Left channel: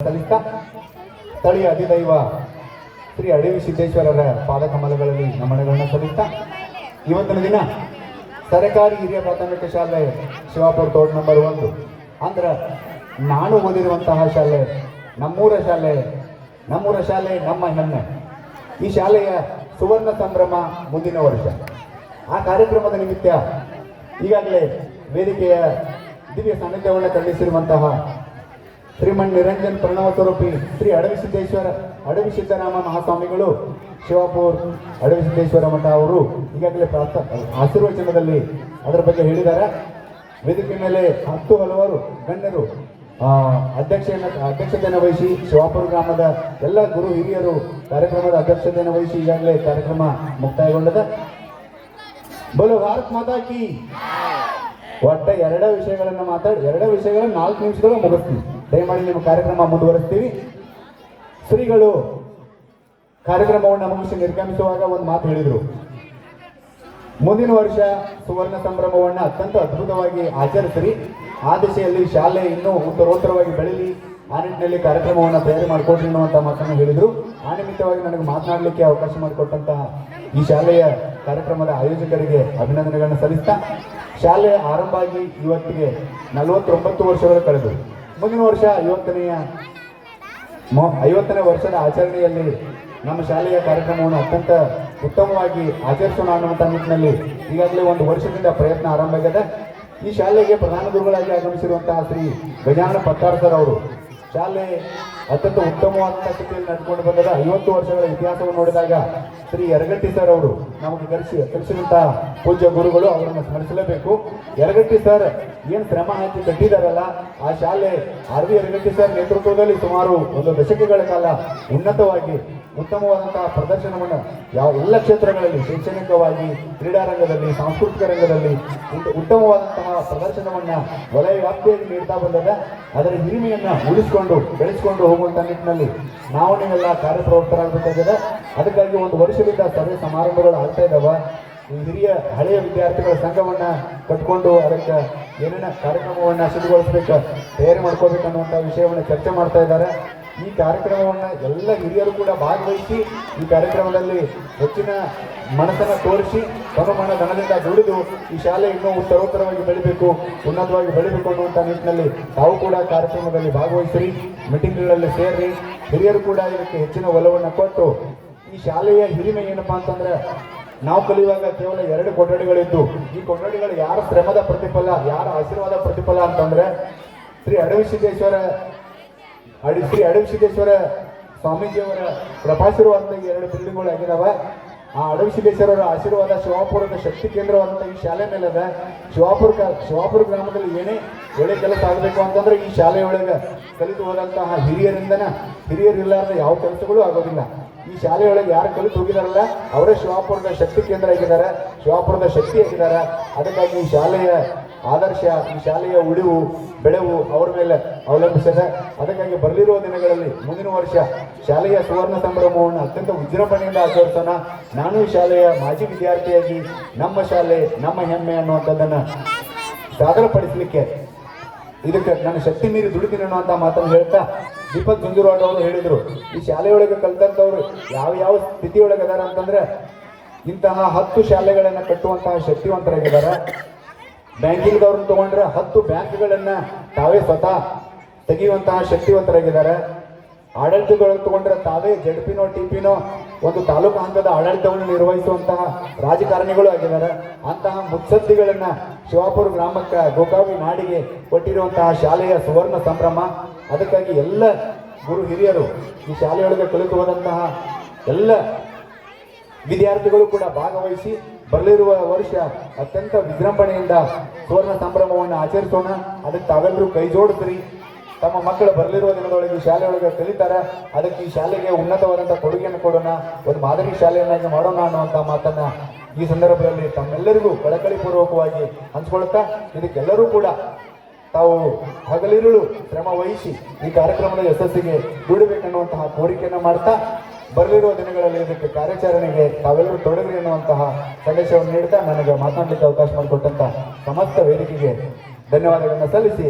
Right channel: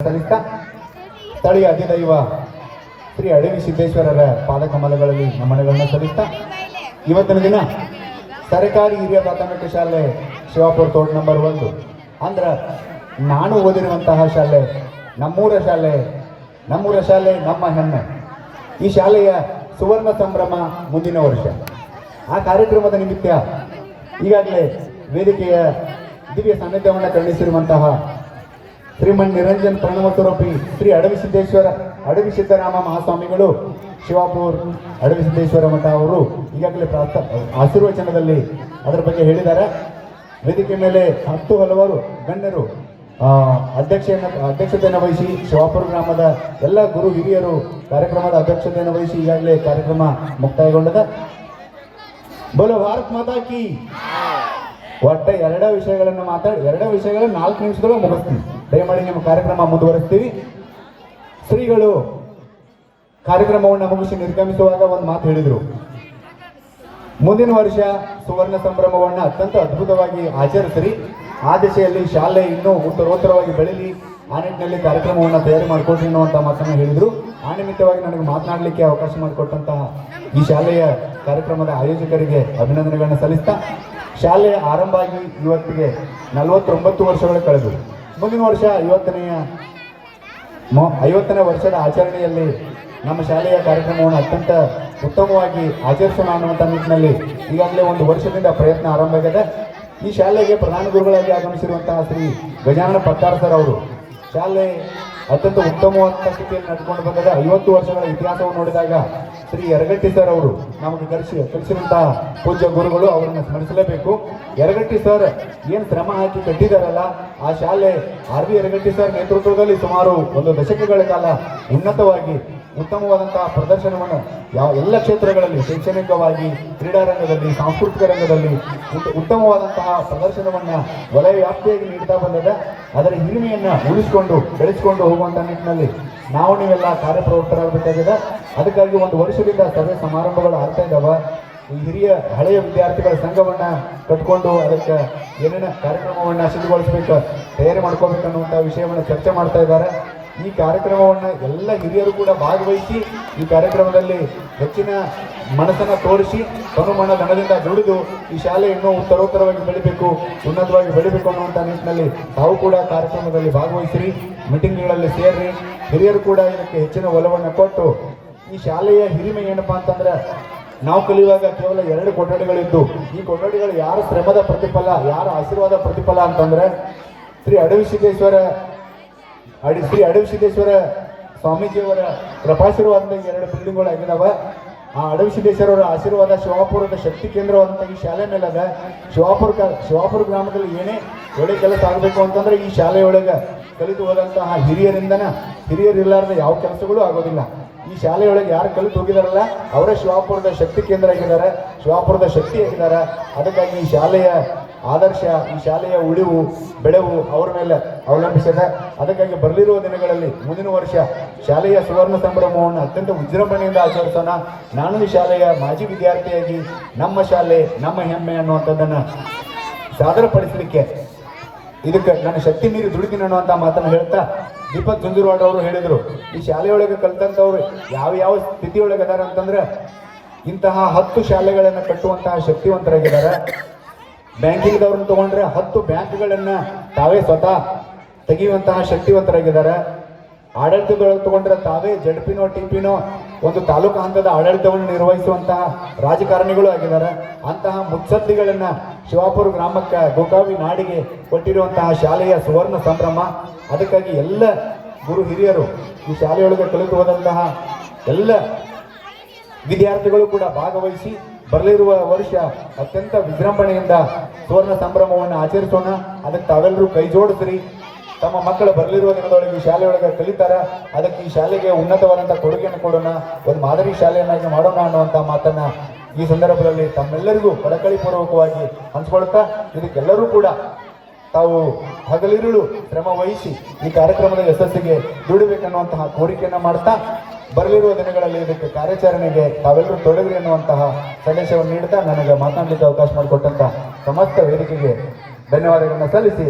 ಸಲ್ಲಿಸ್ತಾ ಸ್ಥಳೀಯ ಅಧಿದೈವ ಶ್ರೀ ಅಡವಿ ಸಿದ್ದೇಶ್ವರರ ಪಾದಕಮಲಗಳಲ್ಲಿ ನಮನಗಳನ್ನು ಸಲ್ಲಿಸ್ತಾ ಇವತ್ತಿನ ದಿನ ಸರ್ಕಾರಿ ಹಿರಿಯ ಪ್ರಾಥಮಿಕ ಶಾಲೆ ಶಿವಾಪುರ ತೋಟ ನಂಬರ್ 1 ಅಂದ್ರೆ ನಾನು ಓದಿರುವಂತಹ ಶಾಲೆ, ನಮ್ಮೂರ ಶಾಲೆ ನಮ್ಮ ಹೆಮ್ಮೆ. ಈ ಶಾಲೆಯ ಸುವರ್ಣ ಸಂಭ್ರಮ ಮುಂದಿನ ವರ್ಷ. ಆ ಕಾರ್ಯಕ್ರಮದ ನಿಮಿತ್ತ ಈಗಾಗಲೇ ವೇದಿಕೆಯ ದಿವ್ಯ ಸಾನ್ನಿಧ್ಯವನ್ನು ಖಂಡಿಸಿರುವಂತಹ ಶ್ರೀಮನ್ ನಿರಂಜನ್ ಪ್ರಣವ ಸ್ವರೂಪಿ ಶ್ರೀ ಅಡವಿ ಸಿದ್ದರಾಮ ಮಹಾಸ್ವಾಮಿಗಳು ಶಿವಾಪುರ ಅಡವಿ ಸಿದ್ದೇಶ್ವರ ಮಠ ಅವರು ಈಗಾಗಲೇ ಆಶೀರ್ವಚನದಲ್ಲಿ ಅದರ ಬಗ್ಗೆ ಹೇಳಿದ್ದಾರೆ. ವೇದಿಕೆ ಮೇಲೆ ಹಲವಾರು ಗಣ್ಯರು ಅಧ್ಯಕ್ಷತೆಯನ್ನು ವಹಿಸಿ ಶಿವಾಪುರ ಗ್ರಾಮದ ಎಲ್ಲ ಗುರು ಹಿರಿಯರು ಕಾರ್ಯಕ್ರಮದ ಅಧ್ಯಕ್ಷತೆಯನ್ನು ವಹಿಸಿ ಈಗಾಗಲೇ ಕಾರ್ಯಕ್ರಮ ಮುಕ್ತಾಯಗೊಂಡಿದೆ. ಬೋಲೋ ಭಾರತ್ ಮಾತಾ ಕಿ. ಒಟ್ಟ ಎರಡು ವಿಷಯಗಳನ್ನು 4 ನಿಮಿಷದೊಳಗೆ ಮುಗಿಸ್ತೀವಿ. ದಯಮಾಡಿ ನಿಮ್ಮ ಕಾರ್ಯಕ್ರಮ ಮುಂದುವರಿಸ್ತೀವಿ. ಶ್ರೀಗಳು ಕಾರ್ಯಕ್ರಮವನ್ನು ಮುಗಿಸಿ ನಿರ್ಗಮಿಸುವಾಗ ಒಂದು ಮಾತು ಹೇಳಿದರು. ಮುಂದಿನ ವರ್ಷ ಸುವರ್ಣ ಸಂಭ್ರಮವನ್ನು ಅತ್ಯಂತ ಅದ್ಭುತವಾಗಿ ಆಚರಿಸಿರಿ. ಆ ದಿಶೆಯಲ್ಲಿ ಶಾಲೆ ಇನ್ನೂ ಉತ್ತರೋತ್ತರವಾಗಿ ಬೆಳೀಲಿ, ಆ ನಿಟ್ಟಿನಲ್ಲಿ ಕಾರ್ಯಕ್ರಮವನ್ನು ತಯಾರಿ ಮಾಡಿಕೊಡ್ರಿ ಅನ್ನುವಂಥ ಮಾತನ್ನು ಹೇಳಿದರು. ಆ ನಿಮಿತ್ತವಾಗಿ ನನಗೆ ಮಾತನಾಡಲಿಕ್ಕೆ ಅವಕಾಶ ಮಾಡಿಕೊಟ್ಟಂತಹ ಈ ಶಾಲೆಯ ಕಾರ್ಯಕ್ರಮದ ಆಯೋಜಕರಿಗೆ ಅಭಿನಂದನೆಗಳನ್ನು ಸಲ್ಲಿಸ್ತಾ, ಶಾಲೆ ಆರಂಭ ಆಗಿ ಇವತ್ತಿಗೆ 49 ವರ್ಷಗಳು ಕಳೆದು ಮುಂದಿನ ವರ್ಷ 50ನೇ ವರ್ಷದ ಆಚರಣೆಯಲ್ಲಿ ನಮ್ಮ ಶಾಲೆಯ ಕಾರ್ಯಕ್ರಮವನ್ನು ಅತ್ಯಂತ ಉತ್ತಮವಾಗಿ ಆಚರಿಸೋಣ ಅನ್ನುವಂಥ ನಿಟ್ಟಿನಲ್ಲಿ ಈಗಾಗಲೇ 1 ವರ್ಷದಿಂದ ಪ್ರಯತ್ನ ಆರಂಭ ಆಗಿದೆ. ಈ ಶಾಲೆಗೆ ಪ್ರಧಾನ ಗುರುಗಳಾಗಿ ಆಗಮಿಸಿರುವಂತಹ ಶ್ರೀ ಗಜಾನನ ಪತ್ತಾರ್ ಸರ್ ಅವರು ಶಾಲೆ ಅತ್ಯಂತ ಉತ್ತಮವಾದ ಸ್ಥಿತಿಯಲ್ಲಿ ನಡೆದುಕೊಂಡು ಬಂದರೆ 50 ವರ್ಷಗಳ ಇತಿಹಾಸವನ್ನು ನೋಡಿದಾಗ ಶ್ರೀ ಯರಗಟ್ಟಿ ಸರ್ ಅವರು ನಮಗೆ ಕಲಿಸಿರುವಂತಹ ಪೂಜ್ಯ ಗುರುಗಳು, ಅವರನ್ನು ಸ್ಮರಿಸಲೇಬೇಕು. ಯರಗಟ್ಟಿ ಸರ್ ಏನು ಶ್ರಮ ಹಾಕಿ ಕಟ್ಟಿದಾರಲ್ಲ, ಆ ಶಾಲೆ ಆರ್.ವಿ. ಯರಗಟ್ಟಿ ಸರ್ ನೇತೃತ್ವದಲ್ಲಿ ಸುಮಾರು 1 ದಶಕಗಳ ಕಾಲ ಉನ್ನತವಾಗಿ ಉತ್ತಮವಾದಂತಹ ಪ್ರದರ್ಶನವನ್ನು ಎಲ್ಲ ಕ್ಷೇತ್ರಗಳಲ್ಲಿ, ಶೈಕ್ಷಣಿಕವಾಗಿ, ಕ್ರೀಡಾರಂಗದಲ್ಲಿ, ಸಾಂಸ್ಕೃತಿಕ ರಂಗದಲ್ಲಿ ಉತ್ತಮವಾದಂತಹ ಪ್ರದರ್ಶನವನ್ನು ವಲಯ ವ್ಯಾಪ್ತಿಯಾಗಿ ನೀಡ್ತಾ ಬಂದದ. ಅದರ ಹಿರಿಮೆಯನ್ನು ಉಳಿಸಿಕೊಂಡು ಬೆಳೆಸಿಕೊಂಡು ಹೋಗುವಂಥ ನಿಟ್ಟಿನಲ್ಲಿ ನಾವು ನೀವೆಲ್ಲ ಕಾರ್ಯಪ್ರವೃತ್ತರಾಗಬೇಕಾಗಿದೆ. ಅದಕ್ಕಾಗಿ 1 ವರ್ಷದಿಂದ ಸರ್ವೆ ಸಮಾರಂಭಗಳು ಆಗ್ತಾ ಇದ್ದಾವೆ. ಈ ಹಿರಿಯ ಹಳೆಯ ವಿದ್ಯಾರ್ಥಿಗಳ ಸಂಘವನ್ನು ಕಟ್ಕೊಂಡು ಅದಕ್ಕೆ ಏನೇನು ಕಾರ್ಯಕ್ರಮವನ್ನು ಸಿದ್ಧಗೊಳಿಸಬೇಕು, ತಯಾರಿ ಮಾಡ್ಕೋಬೇಕು ಅನ್ನುವಂಥ ವಿಷಯವನ್ನು ಚರ್ಚೆ ಮಾಡ್ತಾ ಇದ್ದಾರೆ. ಈ ಕಾರ್ಯಕ್ರಮವನ್ನು ಎಲ್ಲ ಹಿರಿಯರು ಕೂಡ ಭಾಗವಹಿಸಿ ಈ ಕಾರ್ಯಕ್ರಮದಲ್ಲಿ ಹೆಚ್ಚಿನ ಮನಸ್ಸನ್ನು ತೋರಿಸಿ ತನುಮನ ಧನದಿಂದ ದುಡಿದು ಈ ಶಾಲೆ ಇನ್ನೂ ಉತ್ತರೋತ್ತರವಾಗಿ ಬೆಳಿಬೇಕು, ಉನ್ನತವಾಗಿ ಬೆಳಿಬೇಕು ಅನ್ನುವಂಥ ನಿಟ್ಟಿನಲ್ಲಿ ತಾವು ಕೂಡ ಕಾರ್ಯಕ್ರಮದಲ್ಲಿ ಭಾಗವಹಿಸಿರಿ, ಮೀಟಿಂಗ್ಗಳಲ್ಲಿ ಸೇರಿ. ಹಿರಿಯರು ಕೂಡ ಇದಕ್ಕೆ ಹೆಚ್ಚಿನ ಒಲವನ್ನು ಕೊಟ್ಟು ಈ ಶಾಲೆಯ ಹಿರಿಮೆ ಏನಪ್ಪಾ ಅಂತಂದ್ರೆ, ನಾವು ಕಲಿಯುವಾಗ ಕೇವಲ 2 ಕೊಠಡಿಗಳಿದ್ದು, ಈ ಕೊಠಡಿಗಳು ಯಾರ ಶ್ರಮದ ಪ್ರತಿಫಲ, ಯಾರ ಆಶೀರ್ವಾದ ಪ್ರತಿಫಲ ಅಂತಂದ್ರೆ ಶ್ರೀ ಅಡವಿ ಸಿದ್ದೇಶ್ವರ ಸ್ವಾಮೀಜಿಯವರ ಕೃಪಾಶೀರ್ವಾದದ 2 ಬಿಲ್ಡಿಂಗ್ಗಳು ಆಗಿದಾವ. ಆ ಅಡವಿ ಸಿದ್ದೇಶ್ವರವರ ಆಶೀರ್ವಾದ ಶಿವಾಪುರದ ಶಕ್ತಿ ಕೇಂದ್ರವಂತ ಈ ಶಾಲೆ ಮೇಲೆ ಅದ. ಶಿವಾಪುರ ಗ್ರಾಮದಲ್ಲಿ ಏನೇ ಒಳ್ಳೆ ಕೆಲಸ ಆಗಬೇಕು ಅಂತಂದ್ರೆ ಈ ಶಾಲೆಯೊಳಗೆ ಕಲಿತು ಹೋದಂತಹ ಹಿರಿಯರಿಲ್ಲಾರ್ದ ಯಾವ ಕೆಲಸಗಳು ಆಗೋದಿಲ್ಲ. ಈ ಶಾಲೆಯೊಳಗೆ ಯಾರು ಕಲಿತು ಹೋಗಿದಾರಲ್ಲ ಅವರೇ ಶಿವಾಪುರದ ಶಕ್ತಿ ಕೇಂದ್ರ ಆಗಿದ್ದಾರೆ, ಶಿವಾಪುರದ ಶಕ್ತಿ ಆಗಿದ್ದಾರೆ. ಅದಕ್ಕಾಗಿ ಈ ಶಾಲೆಯ ಆದರ್ಶ, ಈ ಶಾಲೆಯ ಉಳಿವು ಬೆಳೆವು ಅವರ ಮೇಲೆ ಅವಲಂಬಿಸಿದೆ. ಅದಕ್ಕಾಗಿ ಬರಲಿರುವ ದಿನಗಳಲ್ಲಿ ಮುಂದಿನ ವರ್ಷ ಶಾಲೆಯ ಸುವರ್ಣ ಸಂಭ್ರಮವನ್ನು ಅತ್ಯಂತ ವಿಜೃಂಭಣೆಯಿಂದ ಆಚರಿಸೋಣ. ನಾನು ಈ ಶಾಲೆಯ ಮಾಜಿ ವಿದ್ಯಾರ್ಥಿಯಾಗಿ ನಮ್ಮ ಶಾಲೆ ನಮ್ಮ ಹೆಮ್ಮೆ ಅನ್ನುವಂಥದ್ದನ್ನು ಸಾದರಪಡಿಸಲಿಕ್ಕೆ ಇದಕ್ಕೆ ನನ್ನ ಶಕ್ತಿ ಮೀರಿ ದುಡಿತೀನಿ ಅನ್ನುವಂಥ ಮಾತನ್ನು ಹೇಳ್ತಾ, ದೀಪಕ್ ಜುಂಜುರವಾಡ್ ಅವರು ಹೇಳಿದರು, ಈ ಶಾಲೆಯೊಳಗೆ ಕಲಿತಂಥವ್ರು ಯಾವ ಸ್ಥಿತಿಯೊಳಗೆ ಅದಾರೆ ಅಂತಂದ್ರೆ ಇಂತಹ 10 ಶಾಲೆಗಳನ್ನು ಕಟ್ಟುವಂತಹ ಶಕ್ತಿವಂತರಾಗಿದ್ದಾರೆ. ಬ್ಯಾಂಕಿಂಗ್ದವ್ರನ್ನ ತಗೊಂಡ್ರೆ 10 ಬ್ಯಾಂಕ್ಗಳನ್ನು ತಾವೇ ಸ್ವತಃ ತೆಗೆಯುವಂತಹ ಶಕ್ತಿವಂತರಾಗಿದ್ದಾರೆ. ಆಡಳಿತದೊಳಗೆ ತಗೊಂಡ್ರೆ ತಾವೇ ಜಡ್ಪಿನೋ ಟಿಪಿನೋ ಒಂದು ತಾಲೂಕು ಹಂತದ ಆಡಳಿತವನ್ನು ನಿರ್ವಹಿಸುವಂತಹ ರಾಜಕಾರಣಿಗಳು ಆಗಿದ್ದಾರೆ. ಅಂತಹ ಮುತ್ಸದ್ದಿಗಳನ್ನು ಶಿವಾಪುರ ಗ್ರಾಮಕ್ಕೆ, ಗೋಕಾವಿ ನಾಡಿಗೆ ಕೊಟ್ಟಿರುವಂತಹ ಶಾಲೆಯ ಸುವರ್ಣ ಸಂಭ್ರಮ. ಅದಕ್ಕಾಗಿ ಎಲ್ಲ ಗುರು ಹಿರಿಯರು, ಈ ಶಾಲೆಯೊಳಗೆ ಕಲಿತು ಹೋದಂತಹ ಎಲ್ಲ ವಿದ್ಯಾರ್ಥಿಗಳು ಕೂಡ ಭಾಗವಹಿಸಿ ಬರಲಿರುವ ವರ್ಷ ಅತ್ಯಂತ ವಿಜೃಂಭಣೆಯಿಂದ ಸುವರ್ಣ ಸಂಭ್ರಮವನ್ನು ಆಚರಿಸೋಣ. ಅದಕ್ಕೆ ತಾವೆಲ್ಲರೂ ಕೈ ಜೋಡಿಸ್ರಿ. ತಮ್ಮ ಮಕ್ಕಳು ಬರಲಿರುವ ದಿನದೊಳಗೆ ಈ ಶಾಲೆಯೊಳಗೆ ಕಲಿತಾರೆ. ಅದಕ್ಕೆ ಈ ಶಾಲೆಗೆ ಉನ್ನತವಾದಂಥ ಕೊಡುಗೆಯನ್ನು ಕೊಡೋಣ, ಒಂದು ಮಾದರಿ ಶಾಲೆಯನ್ನಾಗಿ ಮಾಡೋಣ ಅನ್ನುವಂಥ ಮಾತನ್ನ ಈ ಸಂದರ್ಭದಲ್ಲಿ ತಮ್ಮೆಲ್ಲರಿಗೂ ಕಳಕಳಿಪೂರ್ವಕವಾಗಿ ಹಂಚ್ಕೊಳ್ತಾ, ಇದಕ್ಕೆಲ್ಲರೂ ಕೂಡ ತಾವು ಹಗಲಿರುಳು ಶ್ರಮ ವಹಿಸಿ ಈ ಕಾರ್ಯಕ್ರಮದ ಯಶಸ್ಸಿಗೆ ದುಡಿಬೇಕನ್ನುವಂತಹ ಕೋರಿಕೆಯನ್ನು ಮಾಡ್ತಾ, ಬರಲಿರುವ ದಿನಗಳಲ್ಲಿ ಇದಕ್ಕೆ ಕಾರ್ಯಾಚರಣೆಗೆ ತಾವೆಲ್ಲರೂ ತೊಡಗಿರಿ ಎನ್ನುವಂತಹ ಸಂದೇಶವನ್ನು ನೀಡುತ್ತಾ ನನಗೆ ಮಾತನಾಡಲಿಕ್ಕೆ ಅವಕಾಶ ಮಾಡಿಕೊಟ್ಟಂತ ಸಮಸ್ತ ವೇದಿಕೆಗೆ ಧನ್ಯವಾದಗಳನ್ನು ಸಲ್ಲಿಸಿ